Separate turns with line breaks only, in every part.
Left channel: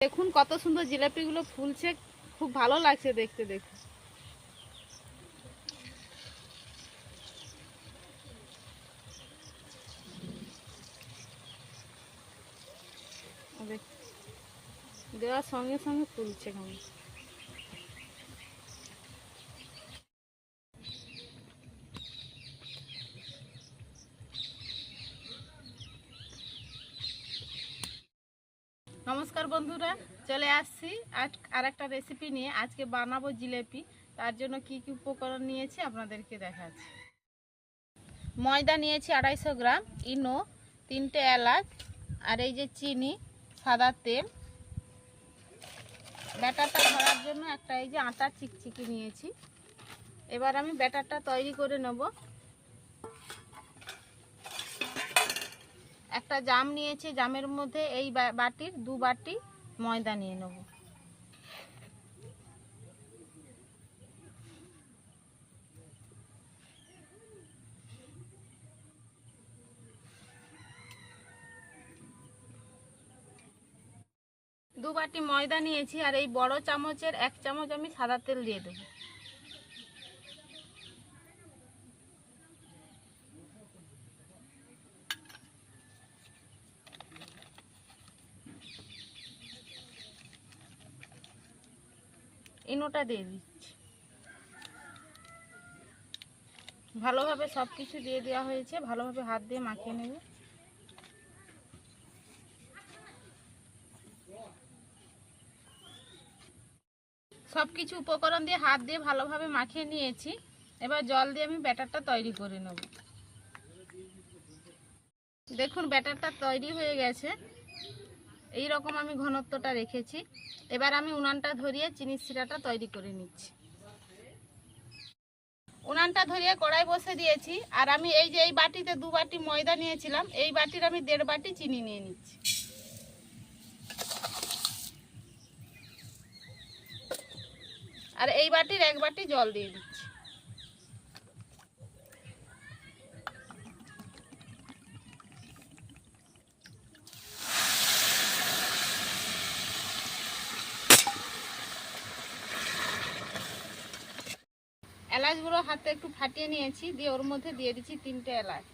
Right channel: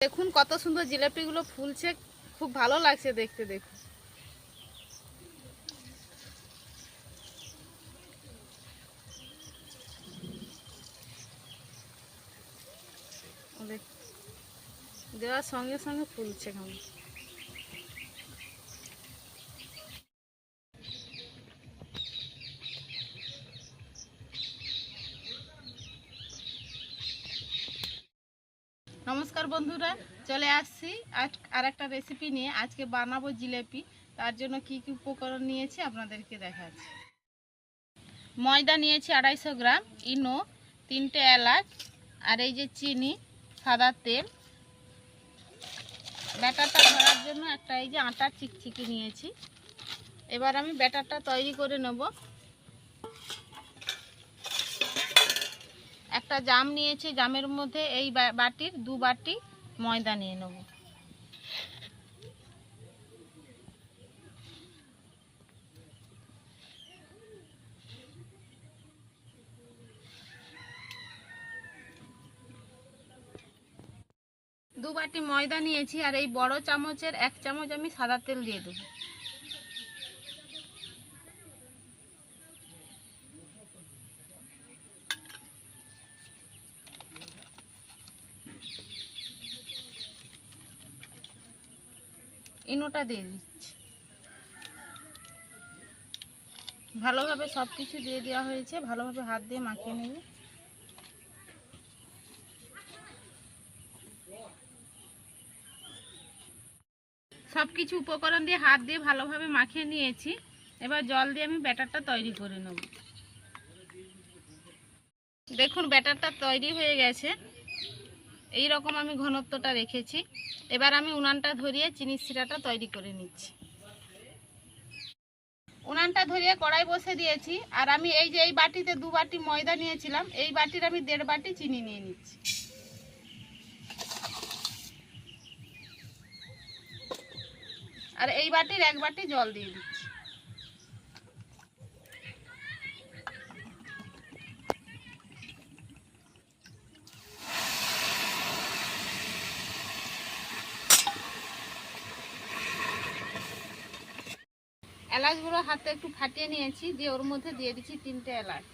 দেখুন কত সুন্দর জিলাপিগুলো ফুলছে, খুব ভালো লাগছে দেখতে, দেখুন। দেওয়ার সঙ্গে সঙ্গে ফুলছে কেমন। নমস্কার বন্ধুরা, চলে আসছি আর একটা রেসিপি নিয়ে আজকে বানাবো জিলেপি। তার জন্য কি কি উপকরণ নিয়েছি আপনাদেরকে দেখাচ্ছি। ময়দা নিয়েছি আড়াইশো গ্রাম, ইনো, তিনটে এলাচ, আর এই যে চিনি, সাদা তেল। ব্যাটারটা ধরার জন্য একটা এই যে আটার চিকচিকি নিয়েছি। এবার আমি ব্যাটারটা তৈরি করে নেব। একটা জাম নিয়েছি, জামের মধ্যে এই বাটির দু বাটি ময়দা নিয়ে নেব। দু বাটি ময়দা নিয়েছি আর এই বড় চামচের এক চামচ আমি সাদা তেল দিয়ে দেবো। ইনোটা দিয়ে দিচ্ছি। ভালোভাবে সব কিছু দিয়ে দেওয়া হয়েছে। ভালোভাবে হাত দিয়ে মাখিয়ে নেবে। সব কিছু উপকরণ দিয়ে হাত দিয়ে ভালোভাবে মাখিয়ে নিয়েছি। এবার জল দিয়ে আমি ব্যাটারটা তৈরি করে নেব। দেখুন, ব্যাটারটা তৈরি হয়ে গেছে। এই রকম আমি ঘনত্বটা রেখেছি। এবার আমি উনানটা ধরিয়ে চিনির শিরাটা তৈরি করে নিচ্ছি। উনানটা ধরিয়ে কড়াই বসে দিয়েছি, আর আমি এই যে এই বাটিতে দু বাটি ময়দা নিয়েছিলাম, এই বাটির আমি দেড় বাটি চিনি নিয়ে নিচ্ছি। আর এই বাটির এক বাটি জল দিয়ে দিচ্ছি। এলাচগুলো হাতে একটু ফাটিয়ে নিয়েছি, দিয়ে ওর মধ্যে দিয়ে দিচ্ছি তিনটে এলাচ।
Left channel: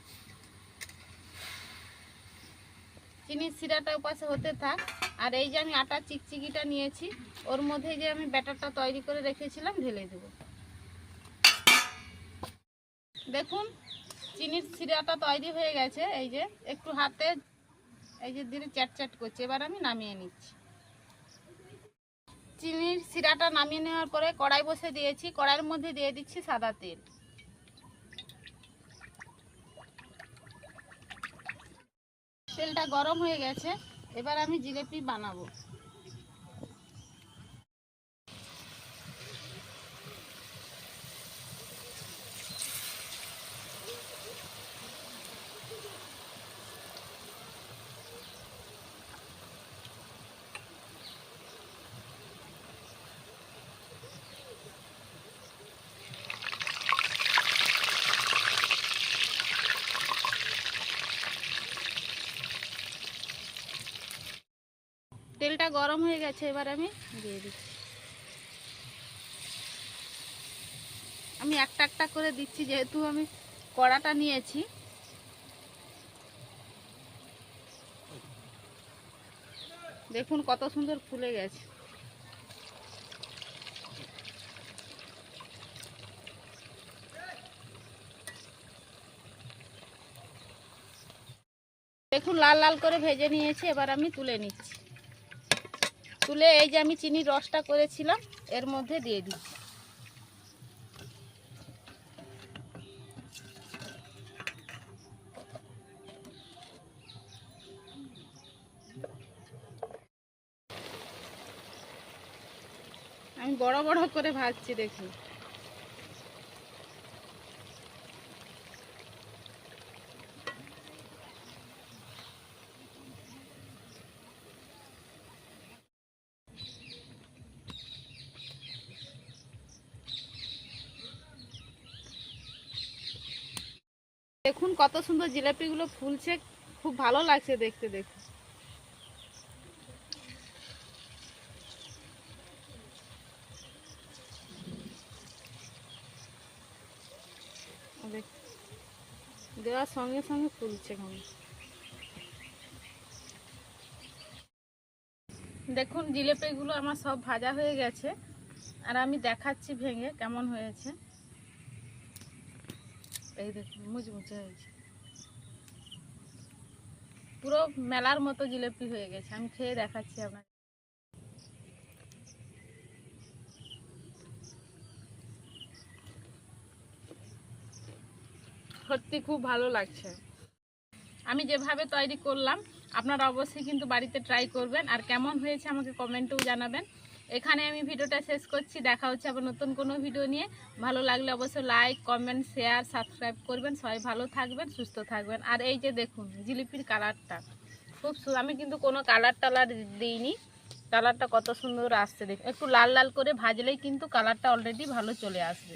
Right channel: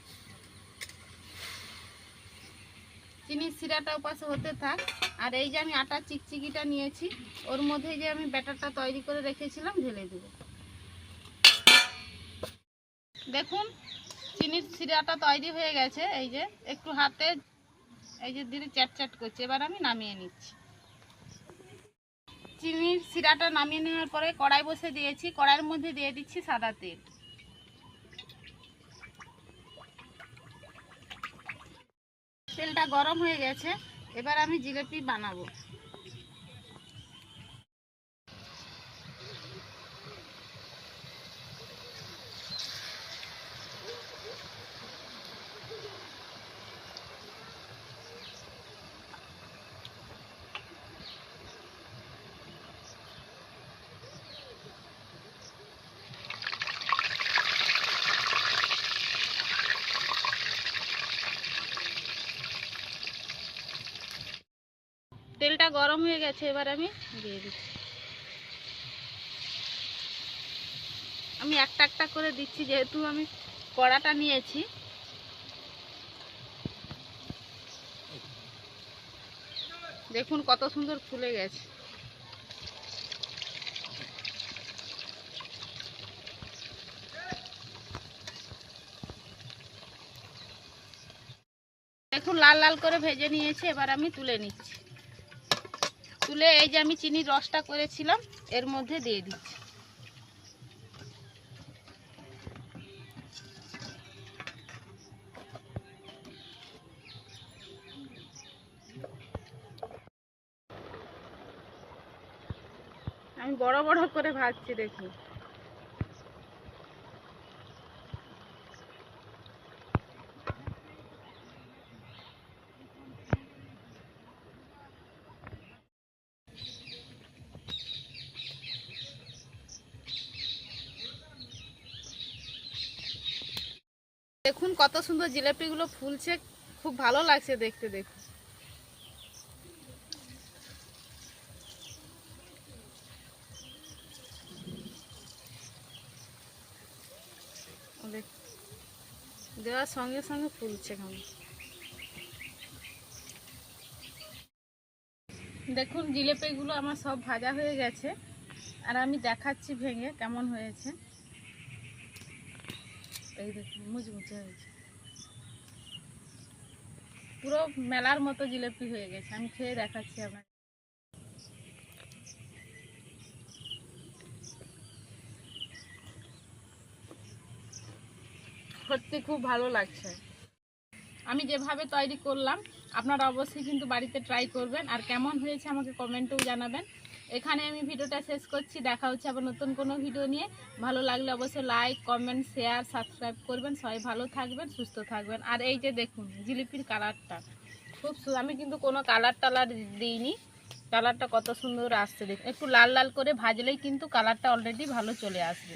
চিনির শিরাটা উপাসে হতে থাক। আর এই যে আমি আটা চিকচিকিটা নিয়েছি, ওর মধ্যে যে আমি ব্যাটারটা তৈরি করে রেখেছিলাম, ঢেলে দেব। দেখুন, চিনির শিরাটা তৈরি হয়ে গেছে, এই যে একটু হাতে, এই যে ধীরে চ্যাট চ্যাট করছে। এবার আমি নামিয়ে নিচ্ছি। চিনির সিরাটা নামিয়ে নেওয়ার পরে কড়াই বসে দিয়েছি। কড়াইয়ের মধ্যে দিয়ে দিচ্ছি সাদা তেল। তেলটা গরম হয়ে গেছে। এবার আমি জিলেপি বানাবো। তেলটা গরম হয়ে গেছে, এবার আমি দিয়ে দিচ্ছি। আমি একটা একটা করে দিচ্ছি, যেহেতু আমি কড়াটা নিয়েছি। দেখুন কত সুন্দর ফুলে গেছে। দেখুন লাল লাল করে ভেজে নিয়েছি, এবার আমি তুলে নিচ্ছি। তুলে এই যে আমি চিনির রসটা করেছিলাম, এর মধ্যে দিয়ে দিচ্ছি। আমি বড় বড় করে ভাজছি, দেখুন। দেখুন কত সুন্দর জিলাপিগুলো ফুলছে, খুব ভালো লাগছে দেখতে, দেখুন। দেওয়ার সঙ্গে সঙ্গে ফুলছে কেমন দেখুন জিলেপিগুলো আমার সব ভাজা হয়ে গেছে, আর আমি দেখাচ্ছি ভেঙে কেমন হয়েছে। এই দেখুন পুরো মেলার মতো জিলেপি হয়ে গেছে। আমি খেয়ে দেখাচ্ছি আপনার সত্যি খুব ভালো লাগছে। আমি যেভাবে তৈরি করলাম, আপনারা অবশ্যই কিন্তু বাড়িতে ট্রাই করবেন। আর কেমন হয়েছে আমাকে কমেন্টেও জানাবেন। এখানে আমি ভিডিওটা শেষ করছি। দেখা হচ্ছে আবার নতুন কোনো ভিডিও নিয়ে। ভালো লাগলে অবশ্যই লাইক কমেন্ট শেয়ার সাবস্ক্রাইব করবেন। সবাই ভালো থাকবেন, সুস্থ থাকবেন। আর এই যে দেখুন, জিলিপির কালারটা খুব আমি কিন্তু কোনো কালার টালার দিইনি। কালারটা কত সুন্দর আসছে দেখুন। একটু লাল লাল করে ভাজলেই কিন্তু কালারটা অলরেডি ভালো চলে আসবে।